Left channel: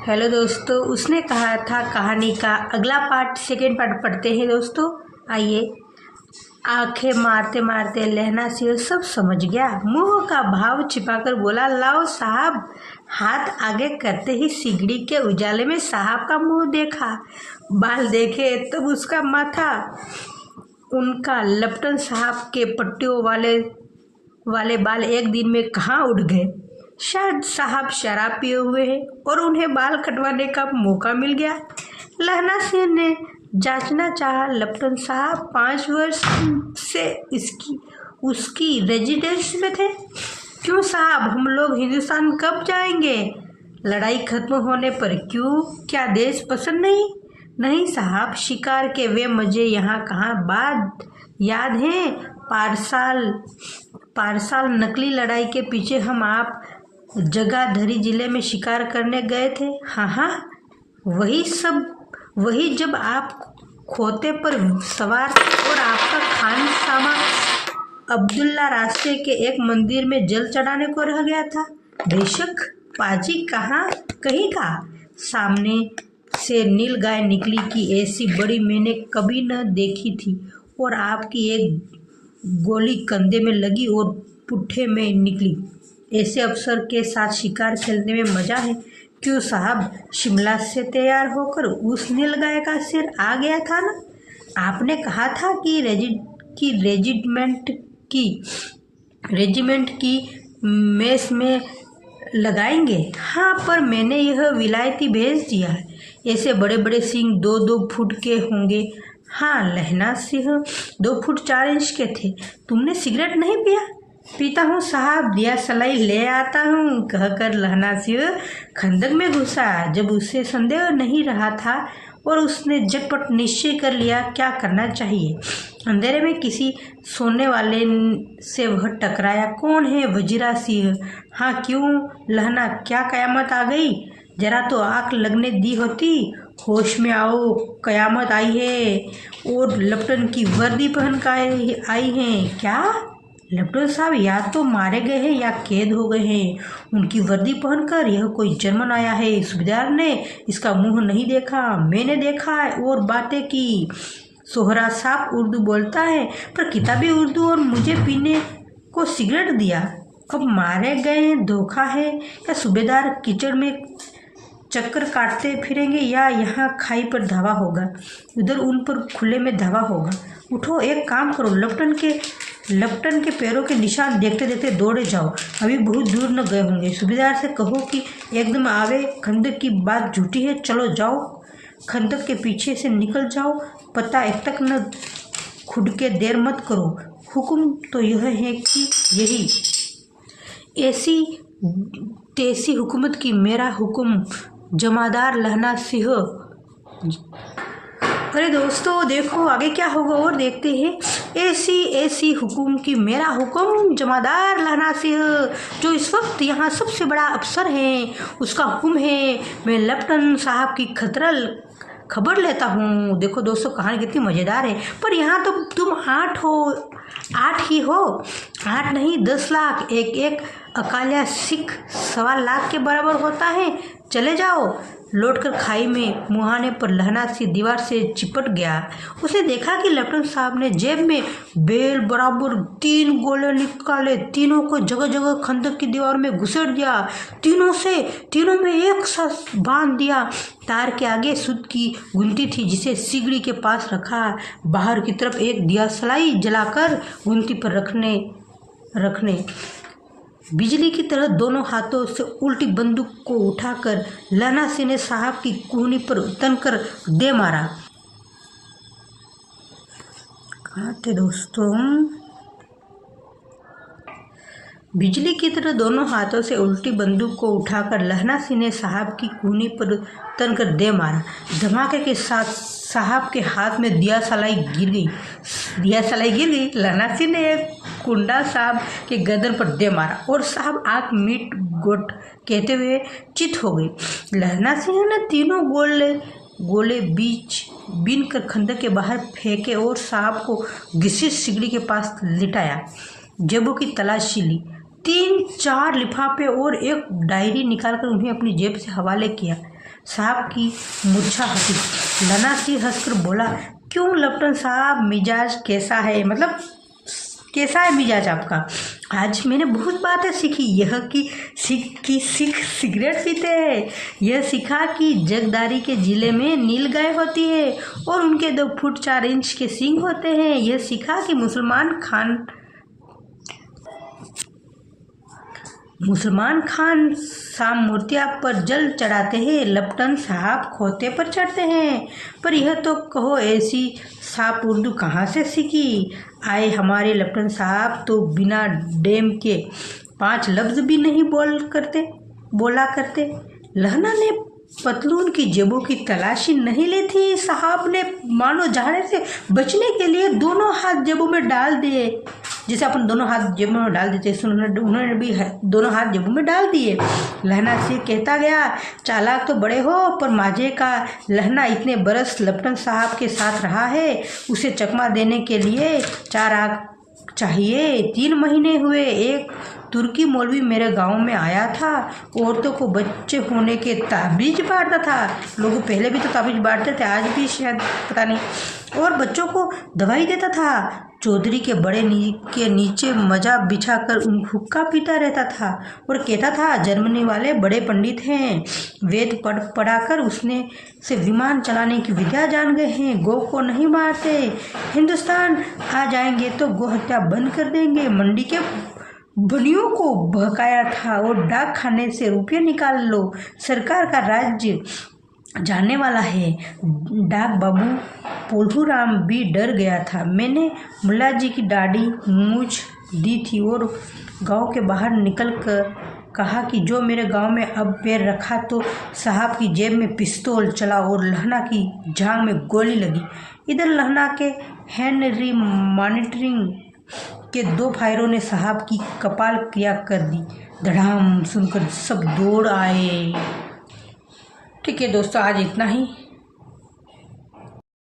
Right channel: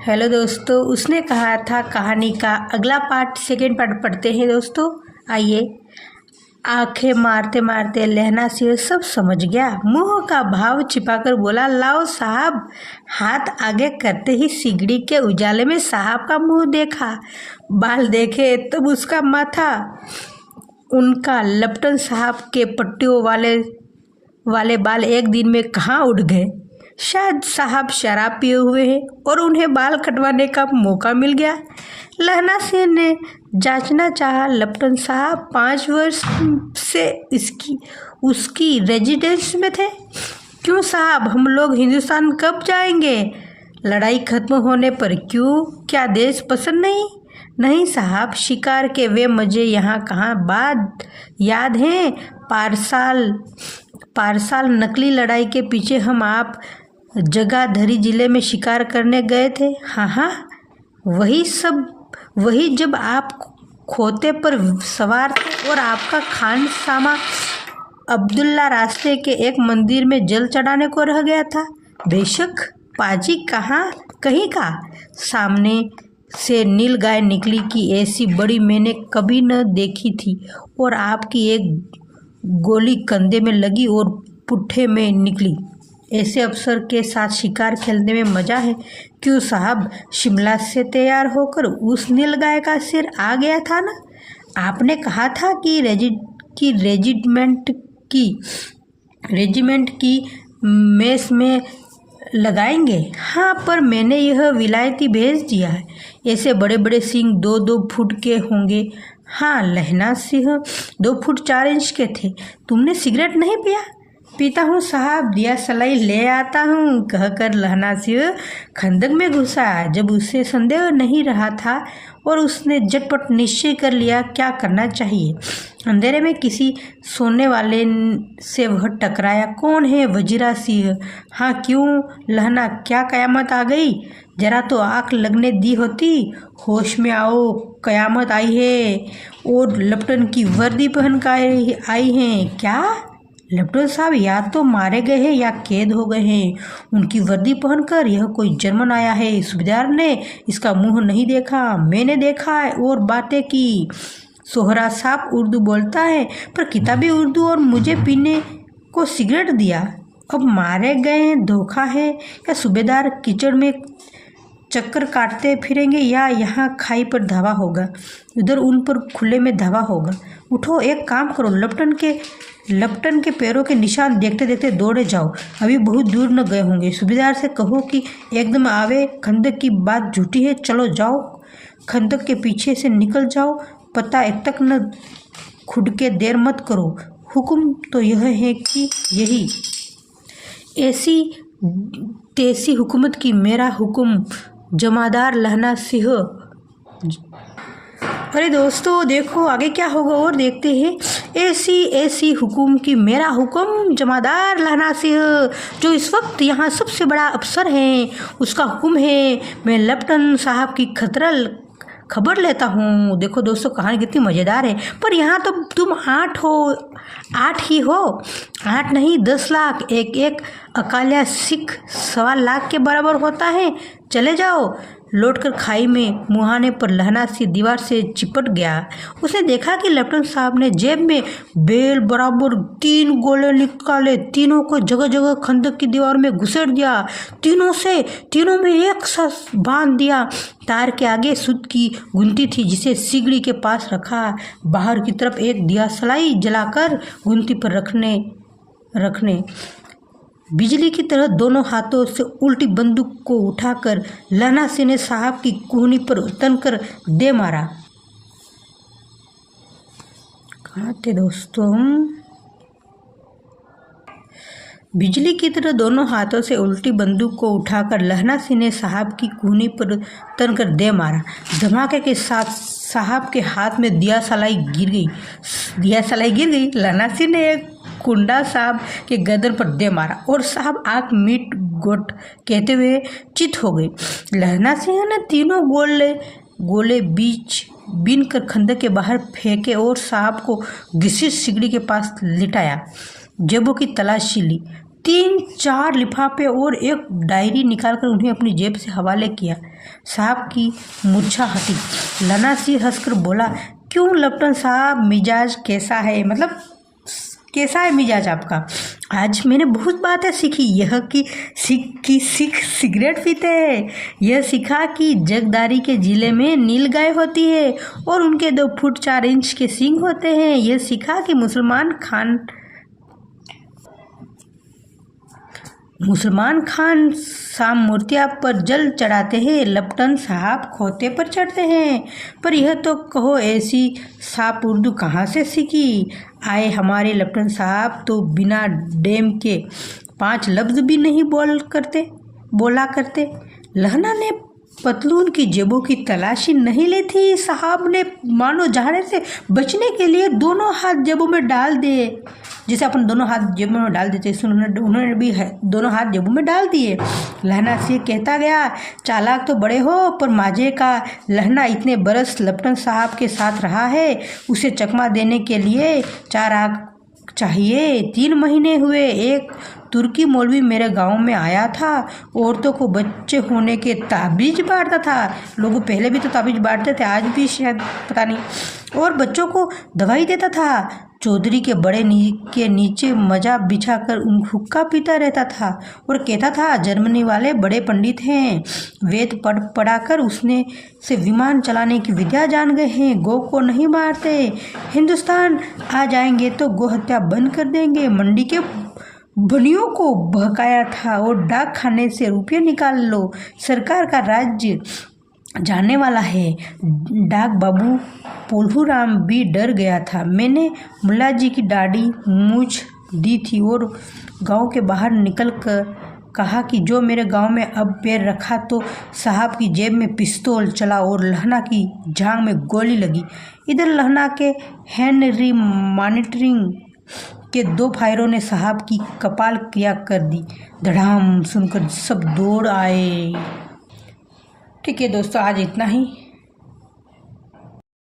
Hello दोस्तों, उसने कहा था कहानी का अगला पार्ट सेकेंड पार्ट पढ़ते हैं दोस्तों। आइए। आंखें मारते मारते लहना सिंह सब समझ गया। मुंह का भाव छिपाकर बोला, लाओ साहब। हाथ आगे करते ही सिगड़ी के उजाले में साहब का मुंह देखा। बाल देखे तब उसका माथा। उनका लपटन साहब के पट्टियों वाले बाल एक दिन में कहाँ उड़ गए। शायद साहब शराब पिए हुए हैं और उन्हें बाल कटवाने का मौका मिल गया। लहना सिंह ने जांचना चाहा, लपटन साहब 5 वर्ष से उसकी रेजिडेंस में थे। क्यों साहब, हम लोग हिंदुस्तान कब जाएंगे? लड़ाई खत्म होने पर क्यों? क्या देश पसंद नहीं? नहीं साहब, शिकार के वे मजे यहाँ कहाँ बात याद हैं। पारसाल नकली लड़ाई के पीछे हम आप जगाधरी जिले में शिकार करने गए थे। हाँ, वही जब आप खोते पर सवार थे और आपका खान सामा अब्दुल्ला रास्ते के एक मंदिर में जल चढ़ाने को रह गया था। बेशक। पाजी कहीं का सामने से नील गाय निकली कि ऐसी बड़ी मैंने कभी न देखी थी। और आपकी एक गोली कंधे में लगी और पुट्ठे में निकली। ऐसे अफसर के साथ शिकार खेलने में मजा है। क्यों साहब, शिमला से तैयार होकर उस नील गाय का सिर आ गया था ना। आपने कहा था कि रेजिमेंट की मेस में लगाएंगे। हाँ, पर मैंने यह विलायती भेज दिया है। ऐसे बड़े बड़े सिंह 2-2 फुट के होंगे। हाँ, लहना सिंह 2 फुट 4 इंच के थे। तुमने सिगरेट नहीं पिया? पीता हूँ साहब, दिया सलाई ले आता हूँ, कहकर लहना सिंह खंदक में घुसा। जब उसे संदेह नहीं रहा था और उसने झटपट निश्चय कर लिया क्या करना चाहिए। अंधेरे में किसी सोने वाले से वह टकराया। कौन है? वजीरा सिंह। हाँ, क्यों लहना, क्या कयामत आ गई? जरा तो आँख लगने दी होती। होश में आओ, कयामत आई है और लपटन की वर्दी पहन कर आई हैं। क्या? लपटन साहब या तो मारे गए हैं या कैद हो गए हैं। उनकी वर्दी पहनकर यह कोई जर्मन आया है। सूबेदार ने इसका मुंह नहीं देखा, मैंने देखा है और बातें की। सोहरा साहब उर्दू बोलता है, पर किताबी उर्दू, और मुझे पीने को सिगरेट दिया। अब मारे गए धोखा है या सूबेदार कीचड़ में चक्कर काटते फिरेंगे या यहाँ खाई पर धावा होगा, उधर उन पर खुले में धावा होगा। उठो, एक काम करो, लपटन के पैरों के निशान देखते देखते दौड़े जाओ। अभी बहुत दूर न गए होंगे। सूबेदार से कहो कि एकदम आवे। खंदक की बात झूठी है। चलो जाओ, खंदक के पीछे से निकल जाओ। पता एक तक न खुद के देर मत करो। हुक्म तो यह है कि यही ऐसी तैसी हुकूमत की मेरा हुक्म। जमादार लहना सिंह। अरे दोस्तों, देखो आगे क्या होगा और देखते हैं। ऐसी हुकुम की मेरा हुक्म। जमादार लहना सिंह, जो इस वक्त यहाँ सबसे बड़ा अफसर है, उसका हुक्म है। मैं लपटन साहब की खबर लेता हूँ। देखो दोस्तों, कहानी कितनी मज़ेदार है। पर यहाँ तो तुम 8 ही हो। 8 नहीं, 10 लाख। एक अकालिया सिख 1.25 लाख के बराबर होता है। चले जाओ। लौटकर खाई में मुहाने पर लहना सिंह दीवार से चिपट गया। उसने देखा कि लेफ्टिनेंट साहब ने जेब में बेल बराबर 3 गोले निकाले। तीनों को जगह जगह खंदक की दीवार में घुसेड़ दिया। तीनों में एक साथ बांध दिया। तार के आगे सूत की गुंती थी जिसे सिगड़ी के पास रखा। बाहर की तरफ एक दिया सलाई जलाकर गुंती पर रखने बिजली की तरह दोनों हाथों से उल्टी बंदूक को उठाकर लहना सिंह ने साहब की कूहनी पर तनकर दे मारा। कहाँ थे दोस्तों? बिजली की तरह दोनों हाथों से उल्टी बंदूक को उठाकर लहना सिंह ने साहब की कूहनी पर तनकर दे मारा। धमाके के साथ साहब के हाथ में दिया सलाई गिर गई। लहना सिंह ने एक कुंडा साहब के गर्दन पर दे मारा और साहब आँख मीट गोट कहते हुए चित हो गई। लहना सिंह ने तीनों गोले बीन कर खंदक के बाहर फेंके और साहब को घिसी सिगड़ी के पास लिटाया। जेबों की तलाशी ली। 3-4 लिफाफे और एक डायरी निकालकर उन्हें अपनी जेब से हवाले किया। साहब की मूर्छा हटी। लहना सिंह हंसकर बोला, क्यों लेफ्टिनेंट साहब, मिजाज कैसा है? मतलब कैसा है मिजाज आपका? आज मैंने बहुत बातें सीखी। यह कि सिख सिगरेट पीते हैं, यह सीखा कि जगदारी के जिले में नील गाय होती है और उनके 2 फुट 4 इंच के सींग होते हैं, यह सीखा कि मुसलमान खान शाम मूर्तियाँ पर जल चढ़ाते हैं, लेफ्टिनेंट साहब खोते पर चढ़ते हैं। पर यह तो कहो, ऐसी साफ उर्दू कहाँ से सीखी? आए हमारे लेफ्टिनेंट साहब तो बिना डेम के 5 लफ्ज भी नहीं बोला करते। लहना ने पतलून की जेबों की तलाशी नहीं ली थी। साहब ने मानो जाने से बचने के लिए दोनों हाथ जेबों में डाल दिए, जैसे अपन दोनों हाथ जेबों में डाल देते, उन्होंने भी दोनों हाथ जेबों में डाल दिए। लहना से कहता गया, चालाक तो बड़े हो, पर माजे का लहना इतने बरस लेफ्टिनेंट साहब के साथ रहा है, उसे चकमा देने के लिए 4 आंख चाहिए। 3 महीने हुए। एक तुर्की मौलवी मेरे गांव में आया था, औरतों को बच्चे होने के ताबीज बांटता था। लोग पहले भी तो ताबीज बांटते थे, आज भी शायद पता नहीं, और बच्चों को दवाई देता था। चौधरी के बड़े के नीचे मजा बिछाकर हुक्का पीता रहता था और कहता था, जर्मनी वाले बड़े पंडित हैं, वेद पढ़ाकर उसने से विमान चलाने की विद्या जान गए हैं, गौ को नहीं मारते, हिंदुस्तान आ जाएंगे तो गौ हत्या बंद कर देंगे। मंडी के बनियों को बहकाया था और डाक खाने से रुपये निकाल लो, सरकार का राज्य जाने वाला है। डाक बाबू पोल्हूराम भी डर गया था। मैंने मुल्ला जी की दाढ़ी मूछ दी थी और गांव के बाहर निकल कर कहा कि जो मेरे गांव में अब पैर रखा तो साहब की जेब में पिस्तौल चला और लहना की जांघ में गोली लगी। इधर लहना के हेनरी मॉनिटरिंग के 2 फायरों ने साहब की कपाल क्रिया कर दी। धड़ाम सुनकर सब दौड़ आए। ठीक है दोस्तों, आज इतना ही।